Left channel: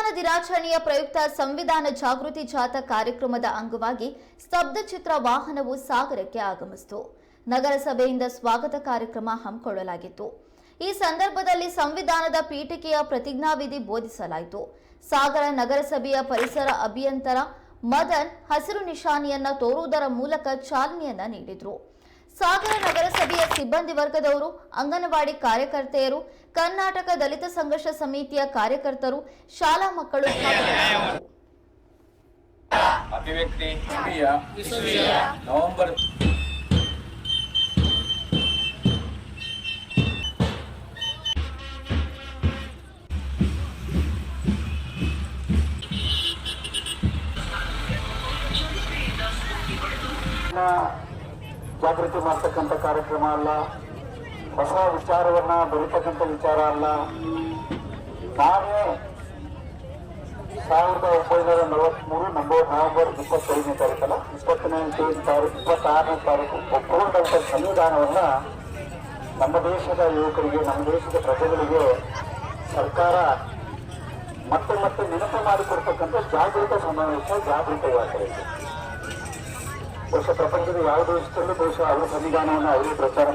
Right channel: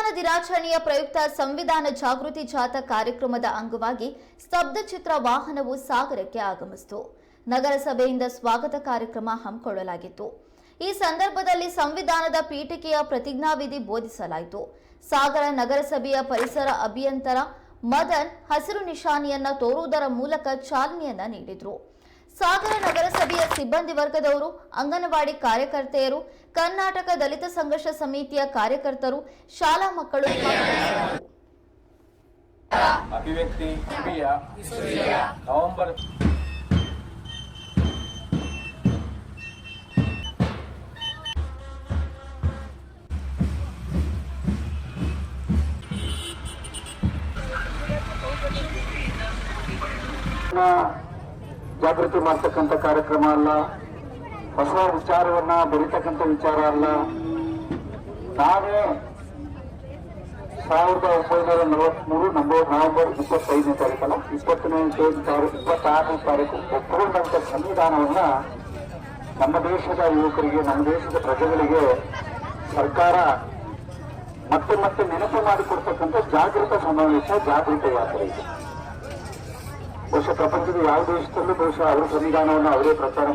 ಸಂವಿಧಾನ ದಿನಾಚರಣೆಯ ಪ್ರಯುಕ್ತ ಸಂವಿಧಾನ ಜಾಗೃತಿ ಜಾಥಾ ಕಾರ್ಯಕ್ರಮದ ಅಂಗವಾಗಿ ಸ್ತಬ್ಧಚಿತ್ರ ವಾಹನವು ಸಾಗರಕ್ಕೆ ಆಗಮಿಸಿತು. ನಗರಸಭೆಯಿಂದ ಸ್ವಾಗತ ಕಾರ್ಯಕ್ರಮ ಹಮ್ಮಿಕೊಳ್ಳಲಾಗಿತ್ತು. ಈ ಸಂದರ್ಭದಲ್ಲಿ ಸಂವಿಧಾನದ ಪೀಠಿಕೆಯ ಪ್ರತಿಜ್ಞಾವಿಧಿ ಬೋಧಿಸಲಾಯಿತು. ಸಾಗರ ನಗರಸಭೆಯ ಪರಿಸರ ಅಭಿಯಂತರ ಮದನ್ ಹಸಿರು ನಿಶಾನಿಯನ್ನ ತೋರುವುದರ ಮೂಲಕ ಚಾಲನೆಯನ್ನ ನೀಡಿದ್ರು. ಸಾಗರ ನಗರಸಭೆಯ ಸಿಬ್ಬಂದಿ ವರ್ಗದವರು ಅಂಗನವಾಡಿ ಕಾರ್ಯಕರ್ತೆಯರು ಕರ್ನಾಟಕ ದಲಿತ ಸಂಘರ್ಷ ಸಮಿತಿಯ ಕಾರ್ಯಕರ್ತರು ಶಾಲಾ ಮಕ್ಕಳು ಅಭಿವ್ಯಕ್ತಿ ನವೆಂಬರ್ ಜಾಗೃತಿ ಮಾಡ್ತಕ್ಕಂಥ ಕಾರ್ಯಕ್ರಮ ಅಲ್ಲ. ಹೊಸ ವಿಚಾರವನ್ನ, ಬೆಳೀತಕ್ಕಂಥ ವಿಚಾರ ಅಲ್ಲ. ನಾವೇ ಸಾವಿರದ ಒಂಬೈನೂರ ನಲವತ್ಮೂರು ನಂಬರ್ ನವೆಂಬರ್ ಇಪ್ಪತ್ತೈದನೇ ತಾರೀಕಲ್ಲ ಇಪ್ಪತ್ತನೇ ತಾರೀಕು, ಇಪ್ಪತ್ತಾರನೇ ತಾರೀಕು ಒಪ್ಪಿಕೊಂಡಂಥ ಸಂವಿಧಾನವನ್ನ ನಮ್ಮ ದೇಶದ ಯುವಕರಿಗೆ, ನಮ್ಮ ದೇಶದ ಪ್ರಜೆಗಳಿಗೆ ಸರ್ಕಾರ ಮತ್ತೆ ಮತ್ತೆ ನೆನಪು ಮಾಡಿಕೊಡ್ತಕ್ಕಂಥ ಜಾಗೃತ ಸಮಾವೇಶ, ಜಾಗೃತ ಯಾತ್ರೆ ಇದು. ಬಹುಶಃ ಪ್ರಪಂಚದ ಯಾವ ದೇಶದಲ್ಲೂ ಬಹುಶಃ ಅವರ ಸಂವಿಧಾನವನ್ನು ಅವರೇ ಪ್ರಚಾರ